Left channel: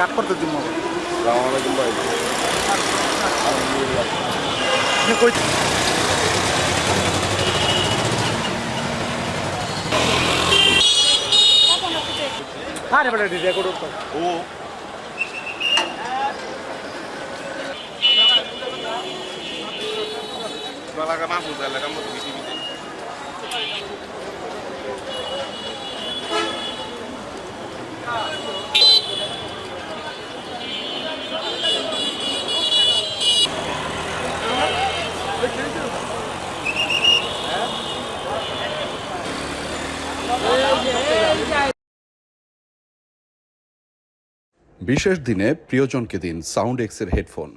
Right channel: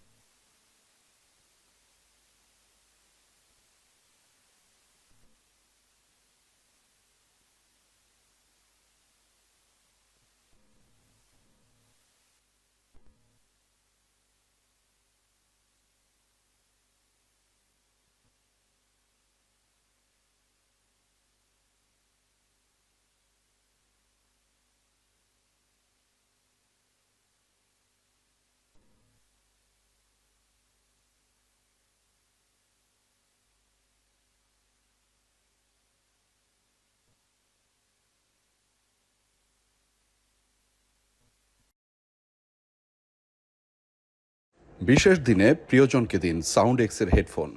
কাট করতে দিব আসসালামু ভাই। কই আরে বড় ডিজে করো ও Talaga masuk talaga mo tumitibit. বিশেষ দিনে প্রিয়জনকে দিন সাউন্ড এক্সের হেডফোন।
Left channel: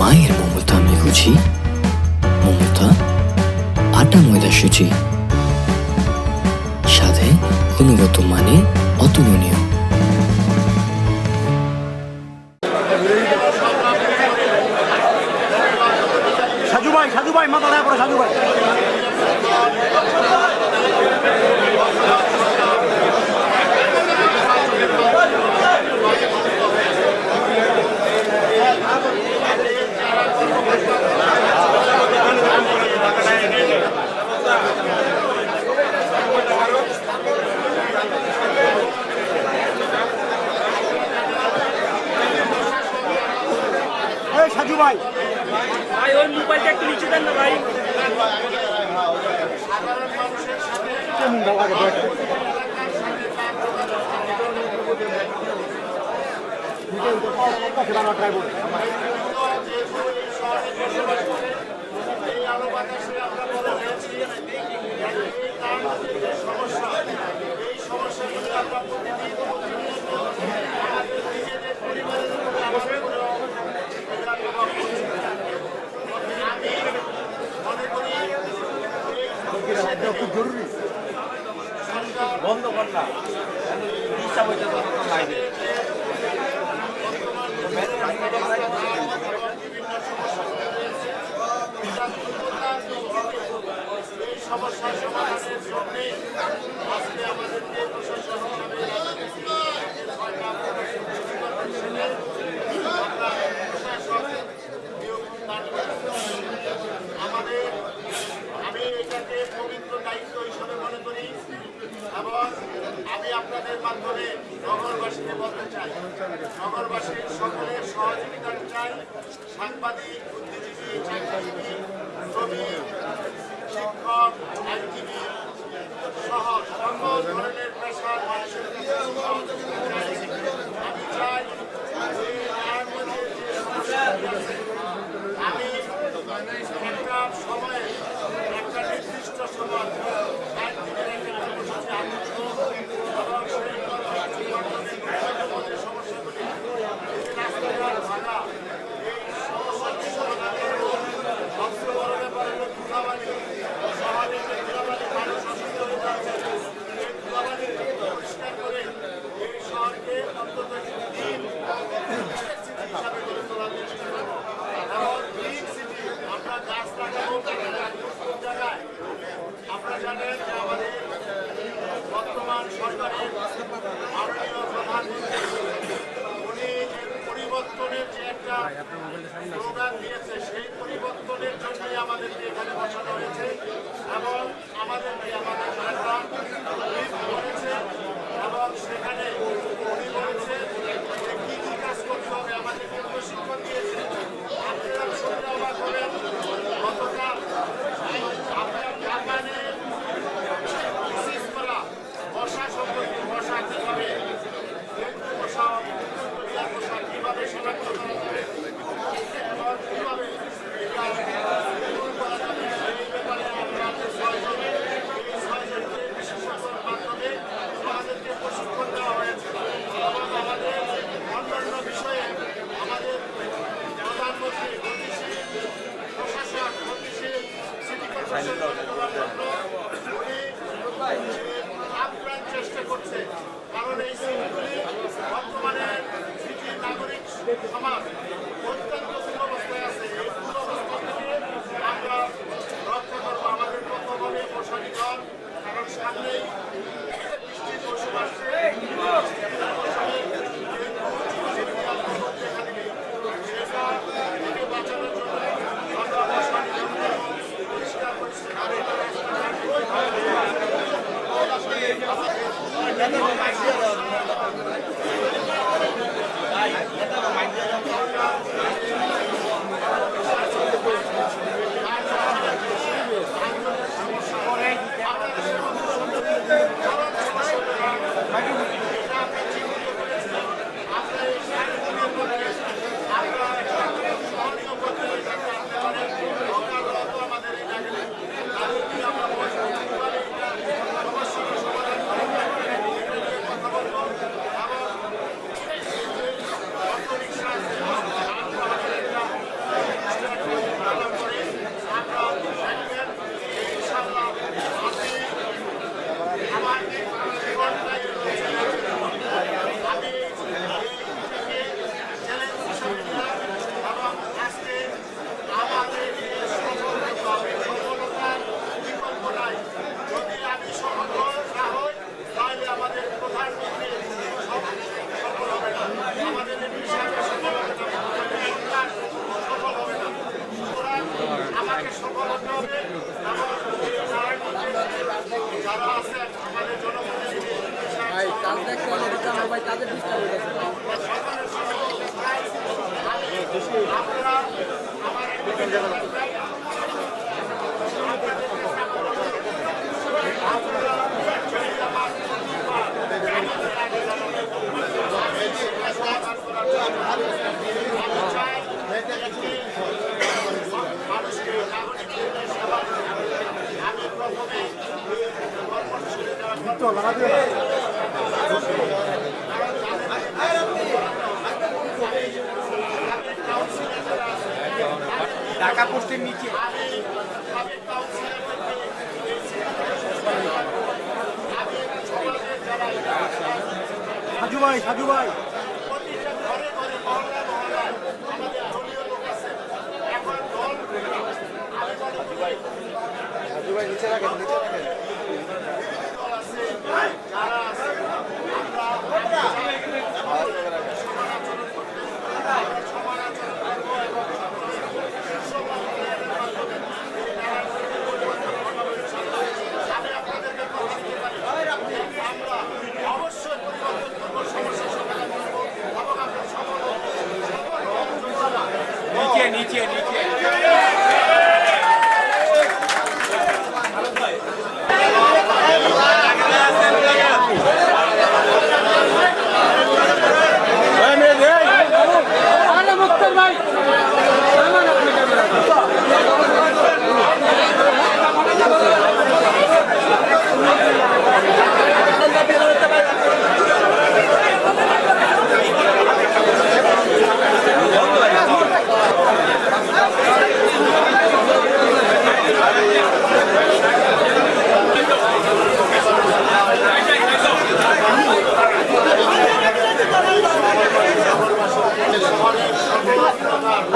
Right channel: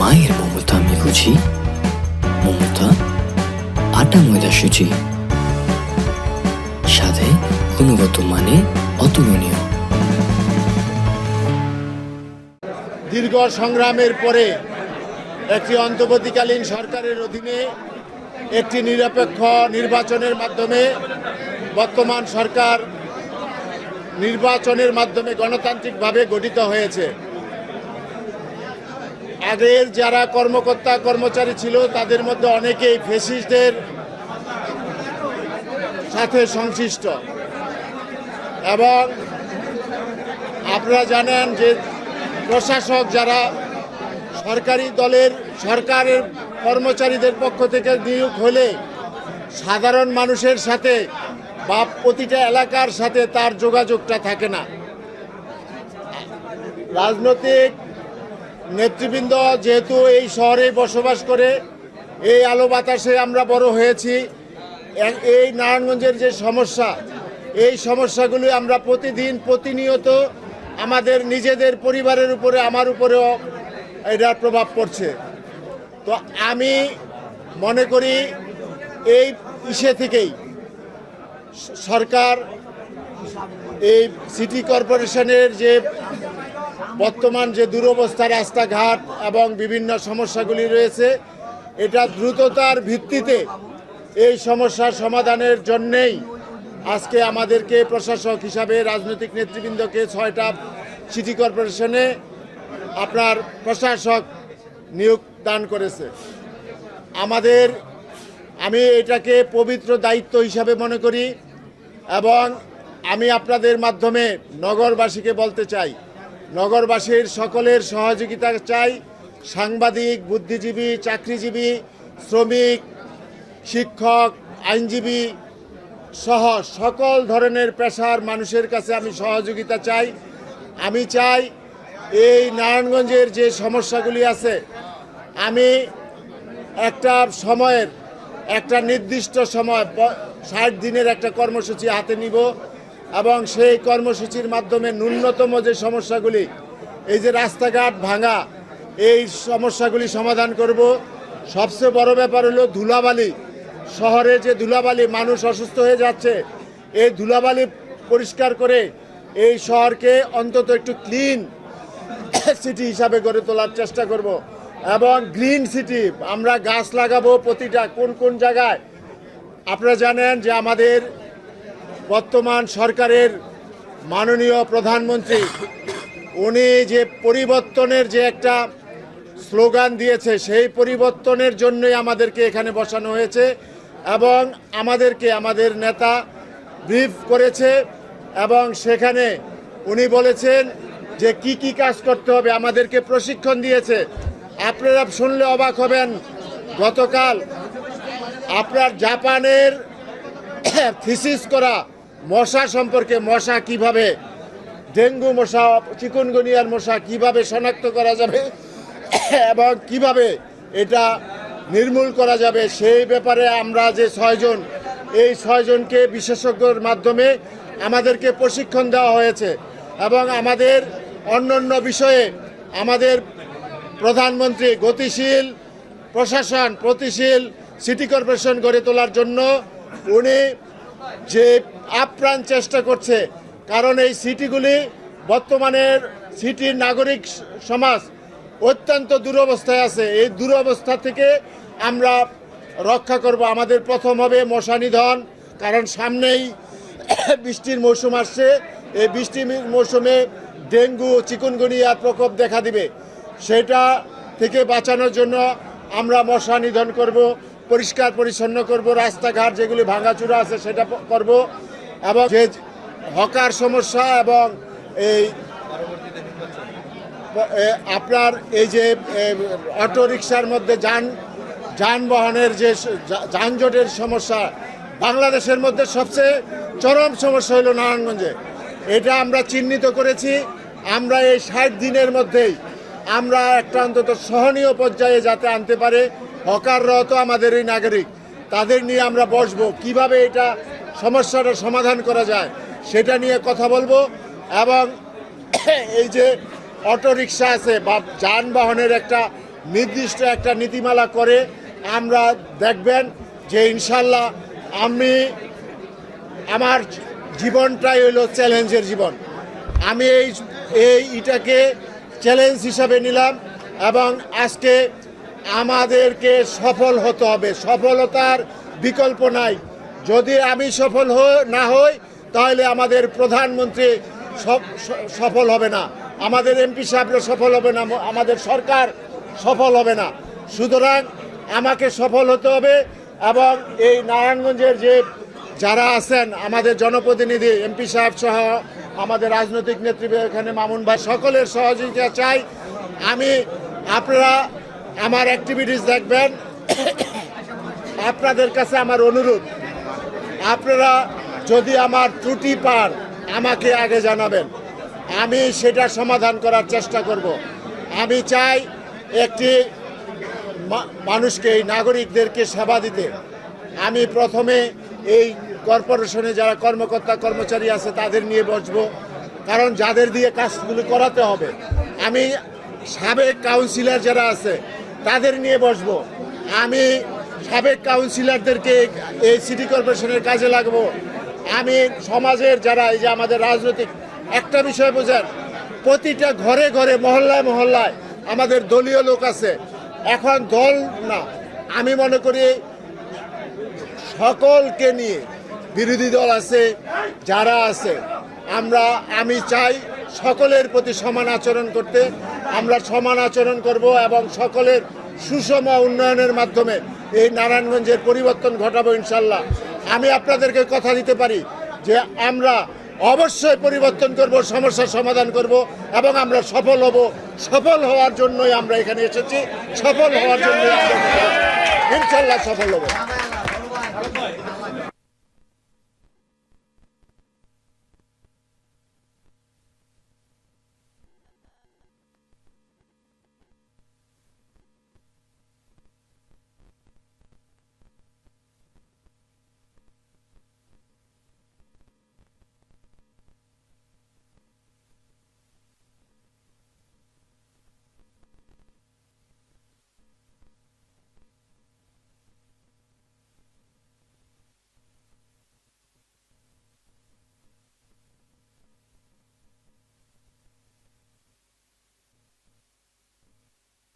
মায়ের মমতা আমি বুঝি, মমতা আটা ময়দা সুচি, স্বাদে গুণগত মানে অতুলনীয়। দীর্ঘ সংগ্রামের পরে একটি অন্তর্বর্তীকালীন সাজু ভাই মাথা না করে সাজু ভাই একটি নিরপেক্ষ নির্বাচনের মাধ্যমে বর্তমান সরকার নির্বাচনের মাধ্যমে গণতান্ত্রিকভাবে গঠিত হয়েছে। তাদের যারা কর্মকর্তা কর্মচারী ছিল তাদের মধ্যে অনেকেই ফ্যাসিস্টদের সাথে সংশ্লিষ্ট, এবং আপনারা জানেন যে প্রশাসক যারা সরকারি দলের সরকারের কর্মচারীদের পক্ষ থেকে নিয়োগ হলে সাধারণ মানুষের সাথে বা প্রতিটা এলাকার সাথে তার যোগাযোগটা থাকে না। রাজনৈতিক নেতৃবৃন্দ যেহেতু এই শহরে বসবাস করে, এই আলো বাতাসে আমরা বড় হয়েছি, এই নারায়ণগঞ্জের যে সমস্যা, এই সমস্যাগুলি আমরা প্রতিদিন প্রতিনিয়ত আমাদের নিজেদের পরিবারের উপরে, আমার উপরেও এটার প্রভাব পড়ছে। তো আমি মনে করি এই বিষয় থেকেই সরকার এই সিটি কর্পোরেশনের যে বর্তমান যে দুরবস্থা, রাস্তাঘাট এবং বিভিন্ন সমস্যাগুলি রয়েছে, এটা দ্রুততার ভিত্তিতে এই সমস্যার সমাধানের জন্যেই আজকে আমাদেরকে প্রশাসক হিসাবে রাজনৈতিক নেতৃবৃন্দকে 6টা সিটি কর্পোরেশনে আপনার প্রশাসক নিয়োগ দান করেছে। আমি এটাকে পবিত্র দায়িত্ব হিসাবে মনে করি, এবং আমি আপনাদের মাধ্যমে নগরবাসীকে বলতে চাই, নগরবাসীর সকলের সহযোগিতা চাই। সাংবাদিক, বুদ্ধিজীবী, চাকরিজীবী, শ্রমিক, শিক্ষক, আইনজীবী সহ সকল ধরনের পেশার মানুষের কাছে আমি সহযোগিতা চাই। আমি চাই এই নারায়ণগঞ্জের যে সমস্যাগুলি আছে, আমি একটা সময়ের একটা নির্দিষ্ট সময় 60 দিনের একটা কর্মসূচি হাতে নিব, এবং সেই কর্মসূচির মাধ্যমে ন্যূনতম যে সমস্যাগুলি, এই যে রাস্তাঘাট ভাঙা, এই সমস্যাগুলি সমাধান করব। সবচেয়ে বড় ব্যাপার হলো ধুলাবালি, শহরে যে ধুলাবালি, মানুষ অসুস্থ হয়ে যাচ্ছে, এই ধুলাবালি পরিষ্কার করে এই শহরকে অন্তত একটু ক্লিন সিটি হিসাবে গড়ে তোলার চেষ্টা করব। এবং গ্রিন সিটি আমরা গাছ লাগাবো প্রতিটা কোন কোন জায়গায়। আপনারা জানেন যে আমাদের বর্তমান সরকারের মাননীয় প্রধানমন্ত্রী উনি যে পরিবর্তনের যে একটা স্লোগান দিয়েছে, সেই পরিবর্তনের জন্যই আমাদেরকে এখানে বসানো হয়েছে, এবং আমাদেরকে আমাদের নেতা ব্রিফ করেছে, এবং সেখানে উনি বলেছেন যে কি কি কাজ করতে হবে, আমাদেরকে প্রশিক্ষণ দিয়েছে। আপনারা শুনলে অবাক হবেন, গতকাল আপনার জাপানের থিসিস করা মশা সম্পর্কে, মশা কিভাবে ডেঙ্গু মশা, চিকুনগুনিয়ার মশা কিভাবে শনাক্ত করা যাবে এবং কিভাবে এটা নির্মূল করা যাবে সেই ব্যাপারে আমরা যে 6 জন, এই 6 জনকে বিশেষজ্ঞর মাধ্যমে আমাদেরকে প্রশিক্ষণ দেওয়া হয়েছে এবং আমাদের অন্যান্য বিষয়ে আমাদের প্রধানমন্ত্রী গতিশীল প্রশাসন, গতিশীল সিটি কর্পোরেশন গড়ে তোলার জন্য উনি যে আপ্রাণ চেষ্টা করছে, কারণ এই সিটিগুলি বর্তমানে সিটির নাগরিক সমাজ অত্যন্ত দুরবস্থায় আছে। এই দুরবস্থা থেকে আমরা রক্ষা করব। আমাদের প্রথম হবে মশা নিধন, কারণ সামনেই বৃষ্টির মৌসুম আসছে। এই বৃষ্টির মৌসুমে ডেঙ্গু চিকুনগুনিয়ার প্রকোপ দেখা দিবে, সেটা থেকে বাঁচানোর জন্য আমরা মশা নিধন করব, পরিষ্কার পরিচ্ছন্ন করব, রাস্তাঘাট যেগুলি ভাঙাচুরা আছে সেটা করব এবং যে হকার সমস্যা এবং এই আপনার এই যে অটোরিকশার মধ্যে যানবাহনের যে যানজটের সমস্যা, বাংলাদেশের মধ্যে সবচেয়ে চরম সমস্যা হলো নারায়ণগঞ্জে। এটা আমরা চিহ্নিত করেছি। আমরা এই 60 দিনের মধ্যেই আমরা একটা অন্তত সহনীয় পর্যায়ে যাতে আনতে পারে। হকাররাও তো আমাদেরই নাগরিক, তাদের নিয়ে আমরা বসবো, কিভাবে এটা সমস্যাটা সমাধান করা যায় সেটা নিয়ে কথা বলবো। এবং এই যে অটোরিকশা আছে বা যানবাহনের একটা নির্দিষ্ট একটা নীতিমালা করে আমরা দেখবেন যে ইনশাল্লাহ আমার জীবনটাই হলো চ্যালেঞ্জের জীবন। আমি এইটাকে চ্যালেঞ্জ হিসাবে নিলাম এবং আজকে আমাদেরকে সফল হতে হবে। সফলতার বিকল্প নাই। যদি আমি সফল না হই তাহলে আমাদের প্রধানমন্ত্রী সফল হবে না, আমাদের এমপি সাহেবরা সফল হবে না, আমাদের সরকার সফল হবে না। সুতরাং আমাকে সফল হতে হবে এবং এই নারায়ণগঞ্জের যে যারা আছেন আমাদের জনপ্রতিনিধি এমপি সাহেব সহ আমাদের রাজনৈতিক নেতৃত্ব এখানে মামুন ভাই, সকলের সহযোগিতা চাই। আপনারা আমার অ্যাক্টিভিটিস দেখবেন। আপনাদের কাছে আমার অনুরোধ, আপনারা যদি আমার ত্রুটি পান আমাকে আগে জানাবেন, আমি সেটা সমাধান করার চেষ্টা করব। আমি চাই একটি মানুষকে, এই নাগরিকদেরকে সেবা দিতে। আমি প্রথমে এই কর্পোরেশনে যারা কর্মকর্তা কর্মচারী আছে তাদের নিয়ে বসবো, কারণ যাদের দিয়ে কাজগুলি করাতে হবে। আমি সাবেক কাউন্সিলর যারা আছে তাদের নিয়ে বসবো। আমি সাবেক কাউন্সিলরদেরকে এই সিটি কর্পোরেশনের কাজে লাগবো। আমি সমাজের যারা, এই যে আমাদের রাজনৈতিক, একটা বিষয় বোঝার, প্রতিটা ঘরে ঘরে মহল্লায় মহল্লায় আমাদের দলীয় লোক আছে। এখন দল না, আমি মনে করি সকলকে নিয়ে, বিরোধী দল আছে যারা আছে, আমি চাই সকলের প্রতি সমান আচরণ করতে। আমরা সমান আচরণ করব এবং সকলের সুষম উন্নয়নের মাধ্যমে এই নারায়ণগঞ্জের পরিবর্তন ঘটাবো ইনশাল্লাহ। আমি আপনাদেরকে কথা দিতে পারি যে আমরা অবশ্যই পরিবর্তন করব, সমস্যার সমাধান করব এবং আমরা সফল হব। সফল হওয়ার জন্যই আমরা এখানে এসেছি, সফল হওয়ার জন্য ইনশাল্লাহ সফল হব।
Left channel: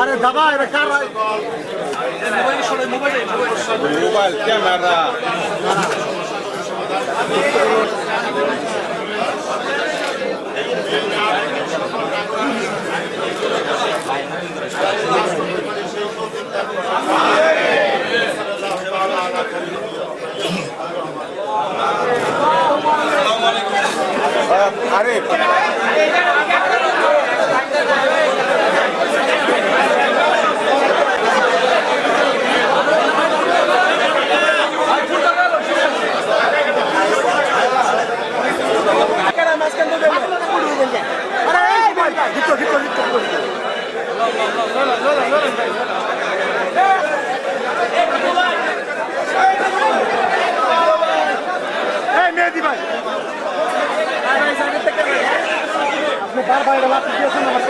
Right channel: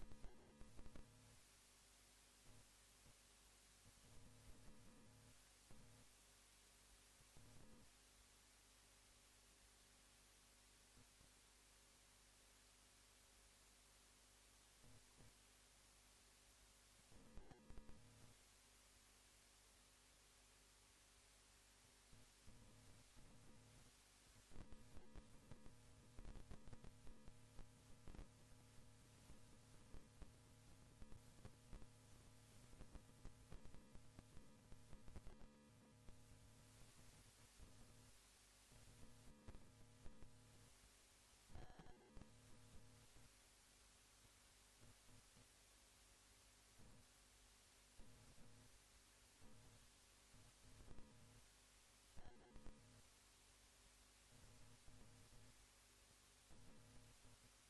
আরে দাদা, এটা কার মোবাইল ক্যামেরা আরে মেহেদি ভাই আপনি বারবার এটা লাভ দিয়েছেন আমার